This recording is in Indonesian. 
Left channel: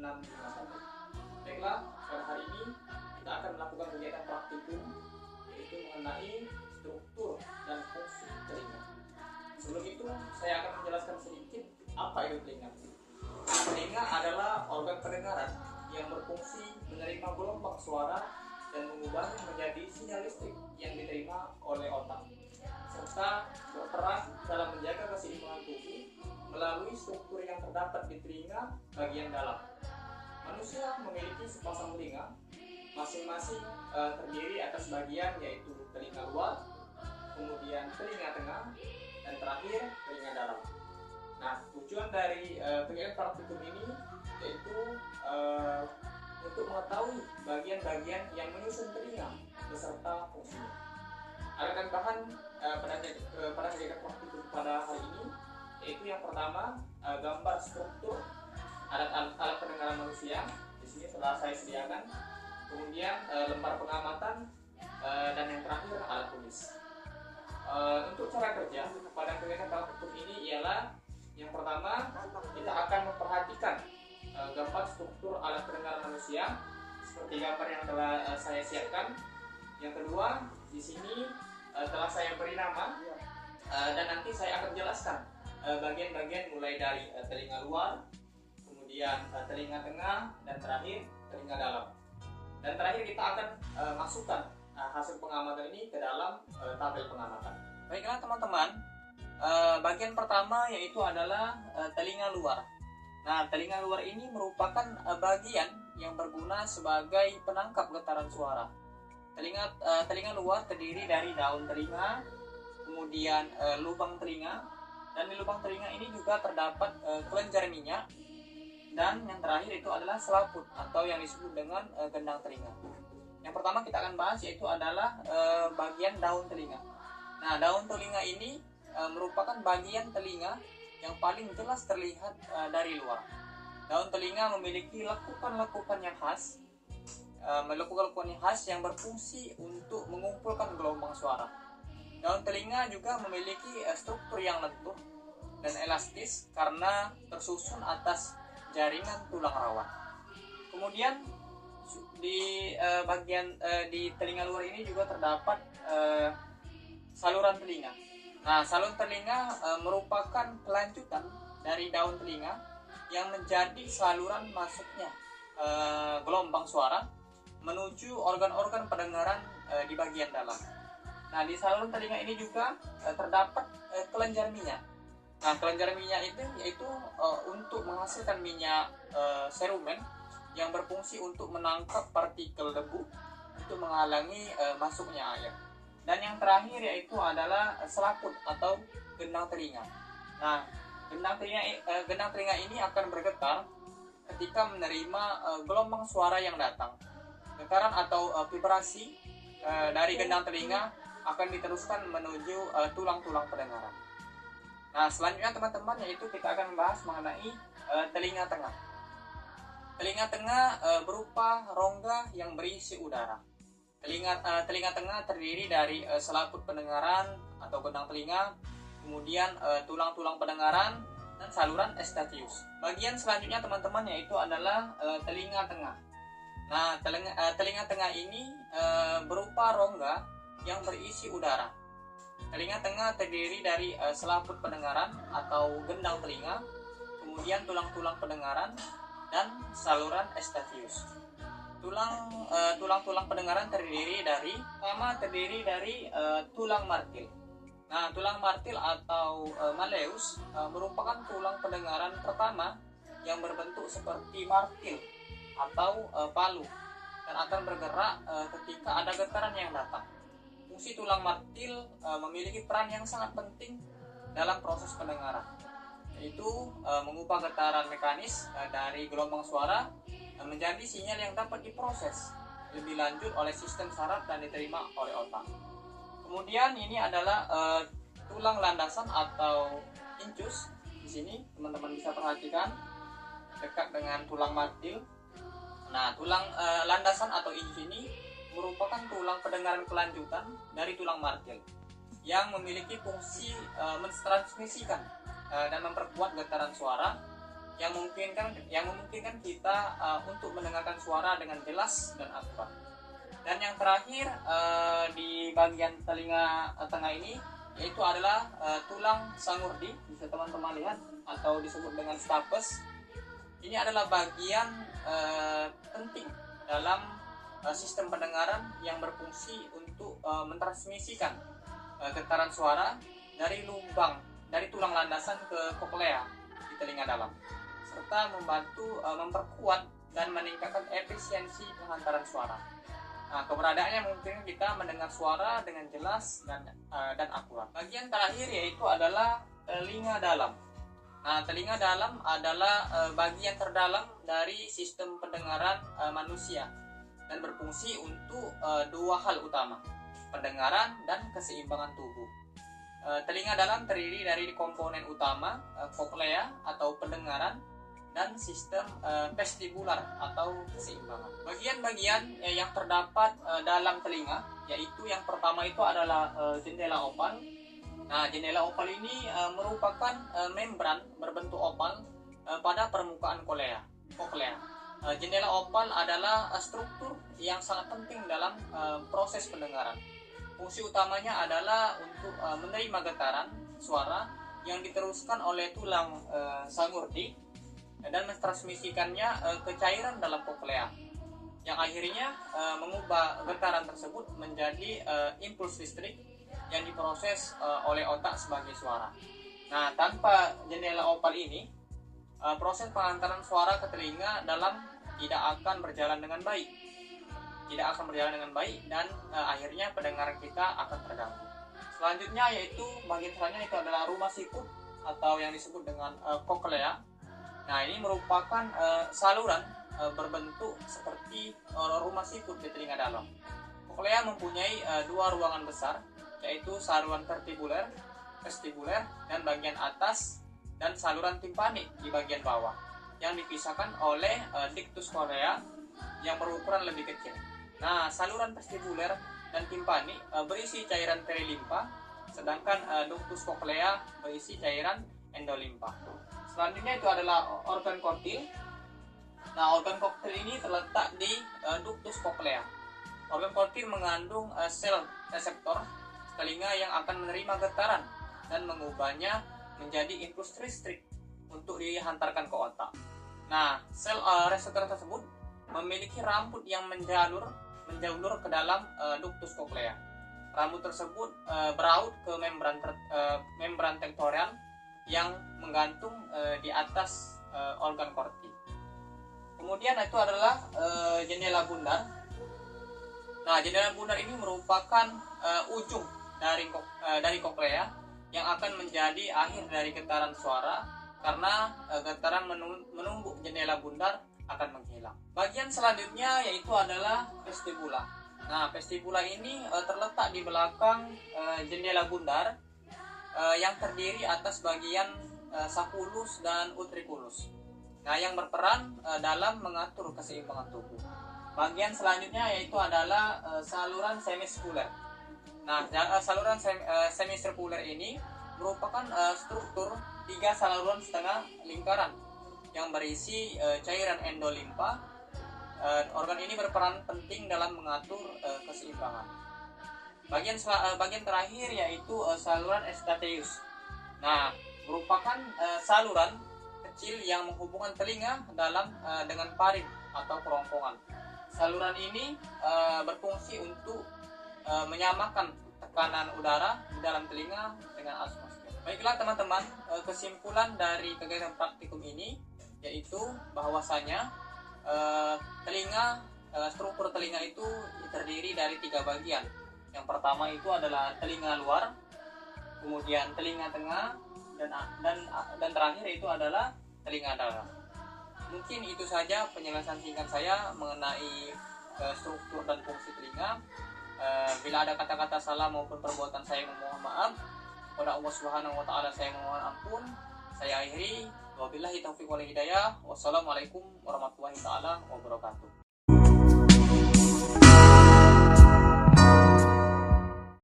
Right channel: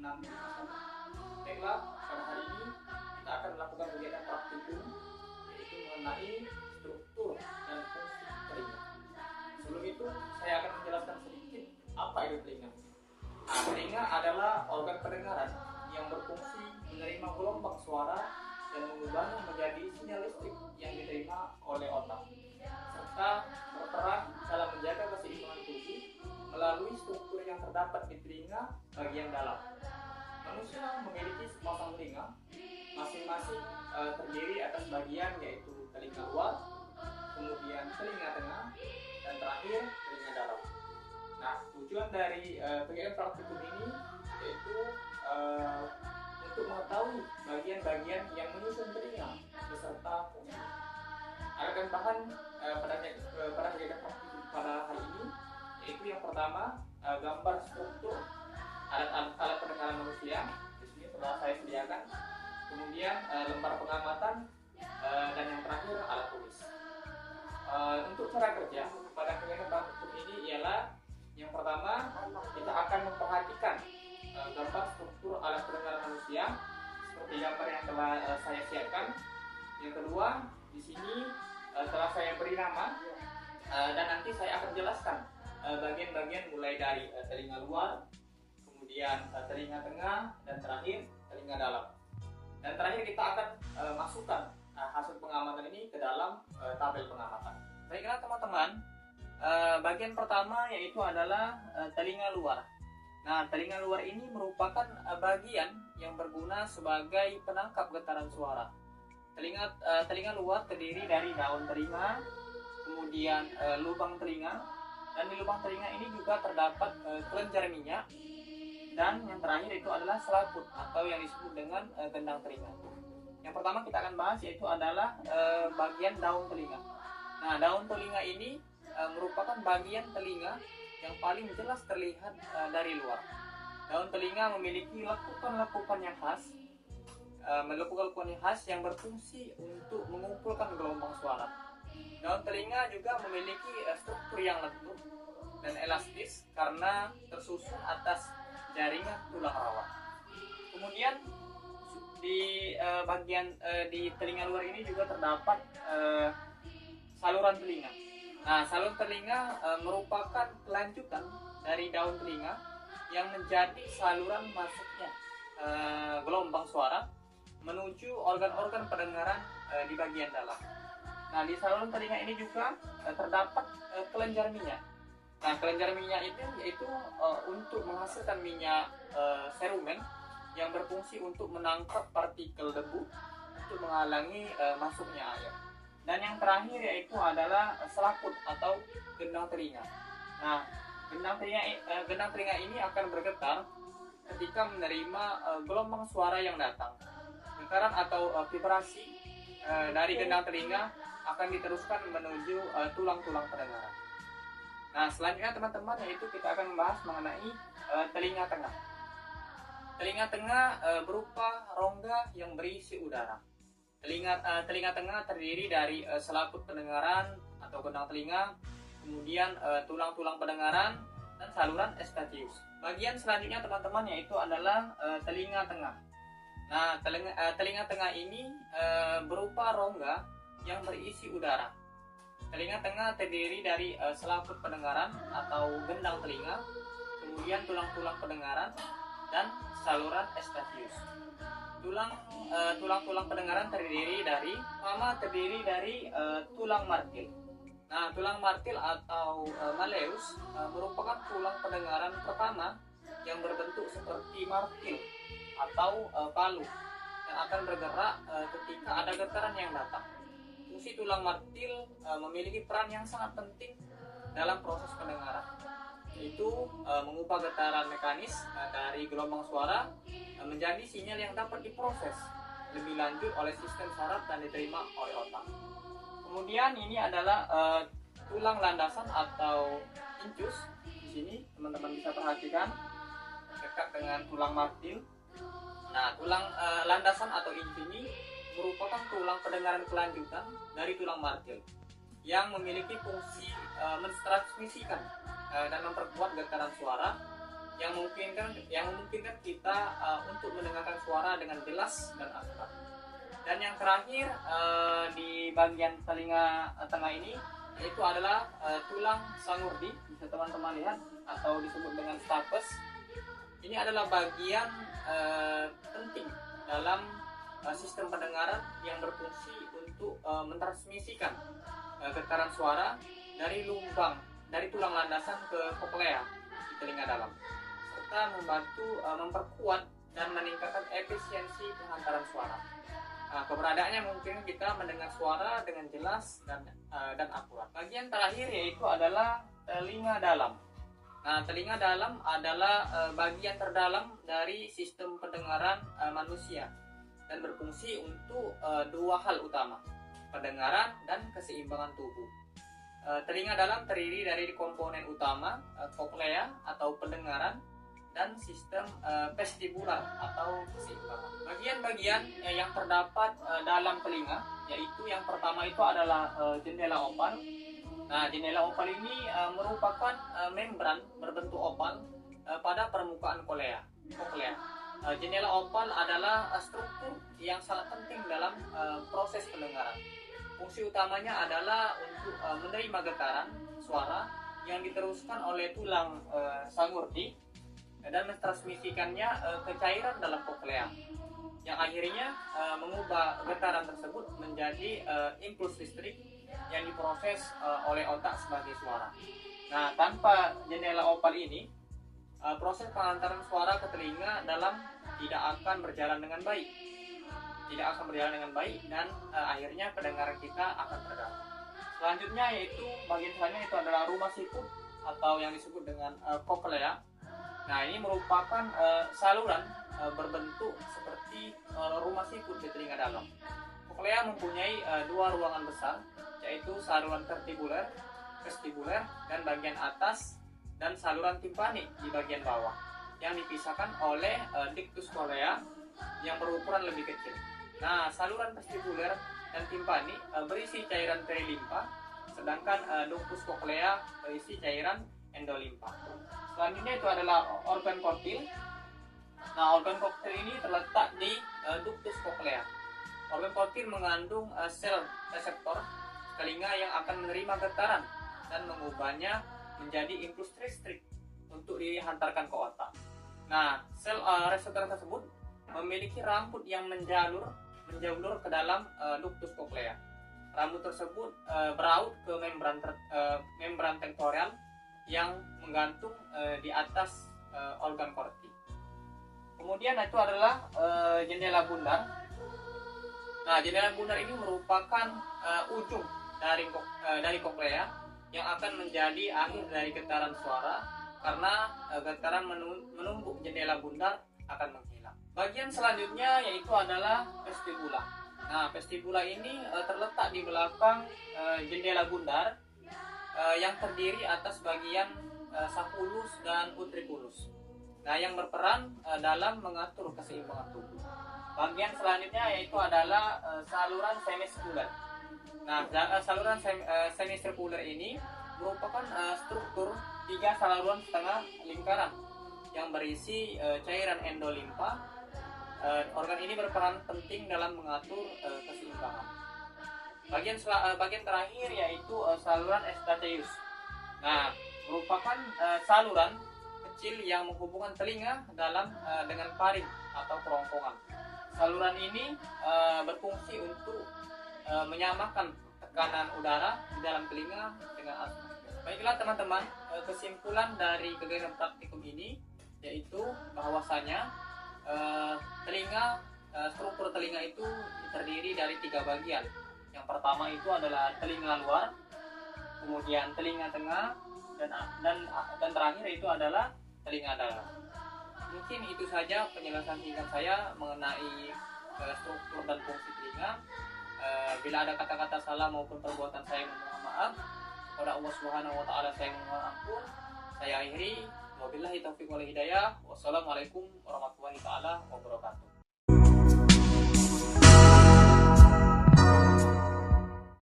6651. Baiklah, pada hari ini kita akan melakukan kegiatan praktikum, yaitu mengenai struktur dan fungsi telinga. Sebelum itu, saya akan menjelaskan sedikit apa itu telinga. Nah, telinga adalah organ pendengaran yang berfungsi menerima gelombang suara dan mengubahnya menjadi sinyal listrik yang diterima oleh otak, serta berperan dalam menjaga keseimbangan tubuh melalui struktur yang terdapat di telinga bagian dalam. Manusia memiliki sepasang telinga, masing-masing terdiri atas bagian yaitu telinga luar, kemudian telinga tengah, dan terakhir telinga dalam. Nah, tujuan dari kegiatan praktikum ini yaitu untuk mengetahui bagian-bagian yang menyusun telinga beserta fungsinya. Ada bahan pada kegiatan praktikum pada hari ini, yaitu yang pertama gambar struktur alat pendengaran manusia. Di sini telah saya sediakan. Kemudian lembar pengamatan dan yang terakhir alat tulis. Untuk cara kerja pada kegiatan praktikum ini ialah yang pertama kita akan memperhatikan gambar struktur alat pendengaran manusia seperti gambar yang telah saya siapkan. Yang kedua, di sini telah saya beri nama dan nanti saya akan jelaskan bagian-bagian mulai dari telinga luar, kemudian telinga tengah, dan terakhir telinga dalam. Dan terakhir kita akan masukkan hasil pengamatan ini ke dalam tabel pengamatan. Baiklah teman-teman, bagian pertama yaitu adalah telinga luar. Nah, telinga luar ini merupakan bagian yang berguna sebagai penangkap getaran suara. Telinga luar terdiri dari daun telinga, kemudian lubang telinga, dan di lubang telinga ini juga terdapat kelenjar minyak, dan yang terakhir itu adalah selaput atau yang disebut dengan gendang telinga. Yang pertama kita akan bahas yaitu adalah bagian daun telinga. Nah, daun telinga ini merupakan bagian telinga yang paling jelas terlihat dari luar. Daun telinga memiliki lekukan-lekukan yang khas, yang berfungsi untuk mengumpulkan gelombang suara. Daun telinga juga memiliki struktur yang lentur dan elastis karena tersusun atas jaringan tulang rawan. Kemudian di di telinga luar ini juga terdapat saluran telinga. Nah, saluran telinga merupakan kelanjutan dari daun telinga yang menjadi saluran masuknya gelombang suara menuju organ-organ pendengaran di bagian dalam. Nah, di saluran telinga ini juga terdapat kelenjar minyak. Nah, kelenjar minyak itu yaitu untuk menghasilkan minyak serumen yang berfungsi untuk menangkap partikel debu untuk menghalangi masuknya air. Dan yang terakhir yaitu adalah selaput atau gendang telinga. Nah, gendang telinga ini akan bergetar ketika menerima gelombang suara yang datang. Getaran atau vibrasi dari gendang telinga akan diteruskan menuju tulang-tulang pendengaran. Nah, selanjutnya teman-teman yaitu kita akan membahas mengenai telinga tengah. Telinga tengah berupa rongga yang berisi udara. Telinga tengah terdiri dari selaput pendengaran atau gendang telinga, kemudian tulang-tulang pendengaran, dan saluran estatius. Bagian selanjutnya teman-teman yaitu adalah telinga tengah. Nah, telinga tengah ini berupa rongga yang berisi udara. Telinga tengah terdiri dari selaput pendengaran atau gendang telinga, kemudian tulang-tulang pendengaran, dan saluran estatius. Tulang-tulang pendengaran terdiri dari tulang martil. Nah, tulang martil atau malleus merupakan tulang pendengaran pertama yang berbentuk seperti martil atau palu dan akan bergerak ketika ada getaran yang datang. Fungsi tulang martil memiliki peran yang sangat penting dalam proses pendengaran, yaitu mengubah getaran mekanis dari gelombang suara menjadi sinyal yang dapat diproses lebih lanjut oleh sistem saraf dan diterima oleh otak. Kemudian ini adalah tulang landasan atau incus. Di sini teman-teman bisa perhatikan dekat dengan tulang martil. Nah, tulang landasan atau incus ini merupakan tulang pendengaran kelanjutan dari tulang martil yang memiliki fungsi mentransmisikan dan memperkuat getaran suara yang memungkinkan kita untuk mendengarkan suara dengan jelas dan akurat. Dan yang terakhir di bagian telinga tengah ini yaitu adalah tulang sangurdi, bisa teman-teman lihat, atau disebut dengan stapes. Ini adalah bagian penting dalam sistem pendengaran yang berfungsi untuk mentransmisikan getaran suara dari tulang landasan ke koklea di telinga dalam, serta membantu memperkuat dan meningkatkan efisiensi penghantaran suara. Nah, keberadaannya mungkin kita mendengar suara dengan jelas dan akurat. Bagian terakhir yaitu adalah telinga dalam. Nah, telinga dalam adalah bagian terdalam dari sistem pendengaran manusia dan berfungsi untuk dua hal utama, pendengaran dan keseimbangan tubuh. Telinga dalam terdiri dari komponen utama, koklea atau pendengaran, dan sistem vestibular atau keseimbangan. Bagian-bagian yang terdapat dalam telinga, yaitu yang pertama itu adalah jendela opal. Nah, jendela opal ini merupakan membran berbentuk opal pada permukaan koklea. Jendela opal adalah struktur yang sangat penting dalam proses pendengaran. Fungsi utamanya adalah untuk menerima getaran suara yang diteruskan oleh tulang sangurdi dan mentransmisikannya ke cairan dalam koklea, yang akhirnya mengubah getaran tersebut menjadi impuls listrik yang diproses oleh otak sebagai suara. Nah, tanpa jendela opal ini, proses pengantaran suara ke telinga dalam tidak akan berjalan dengan baik, dan akhirnya pendengaran kita akan terganggu. Selanjutnya yaitu bagian selanjutnya itu adalah rumah sikut atau yang disebut dengan koklea. Nah, ini merupakan saluran berbentuk seperti rumah sikut di telinga dalam. Koklea mempunyai dua ruangan besar, yaitu saluran vestibuler dan bagian atas, dan saluran timpani di bagian bawah, yang dipisahkan oleh ductus cochleae yang berukuran lebih kecil. Nah, saluran vestibuler dan timpani berisi cairan perilimpa, sedangkan ductus cochleae berisi cairan endolimpa. Selanjutnya itu adalah organ koktil. Nah, organ koktil ini terletak di ductus cochleae. Organ koktil mengandung sel reseptor telinga yang akan menerima getaran dan mengubahnya menjadi impuls listrik untuk dihantarkan ke otak. Nah, sel reseptor tersebut memiliki rambut yang menjulur ke dalam ductus cochleae. Rambut tersebut beraut ke membran tektorial yang menggantung di atas organ korti. Kemudian itu adalah jendela bundar. Nah, jendela bundar ini merupakan ujung dari koklea yang akan menjadi akhir dari getaran suara, karena getaran menumbuk jendela bundar akan menghilang. Bagian selanjutnya yaitu adalah vestibula. Nah, vestibula ini terletak di belakang jendela bundar yang terdiri atas bagian sacculus dan utriculus. Nah, yang berperan dalam mengatur keseimbangan tubuh. Bagian selanjutnya yaitu adalah saluran semisirkuler. Nah, saluran semisirkuler ini merupakan struktur 3 saluran setengah lingkaran yang berisi cairan endolimpa. Organ ini berperan penting dalam mengatur keseimbangan. Bagian terakhir yaitu saluran Eustachius. Nah, merupakan saluran kecil yang menghubungkan telinga dalam dengan parin atau kerongkongan. Saluran ini berfungsi untuk menyamakan tekanan udara di dalam telinga dengan atmosfer. Baiklah teman-teman, kesimpulan dari kegiatan praktikum ini yaitu bahwasanya struktur telinga itu terdiri dari 3 bagian. Yang pertama itu adalah telinga luar, kemudian telinga tengah, dan terakhir itu adalah telinga dalam. Mungkin itu saja penjelasan singkat saya mengenai struktur dan fungsi telinga. Bila ada kata-kata salah maupun perbuatan saya mohon maaf. Kepada Allah Subhanahu wa taala saya mohon ampun. Saya akhiri, wabillahi taufiq wal hidayah. Wassalamualaikum warahmatullahi taala wabarakatuh.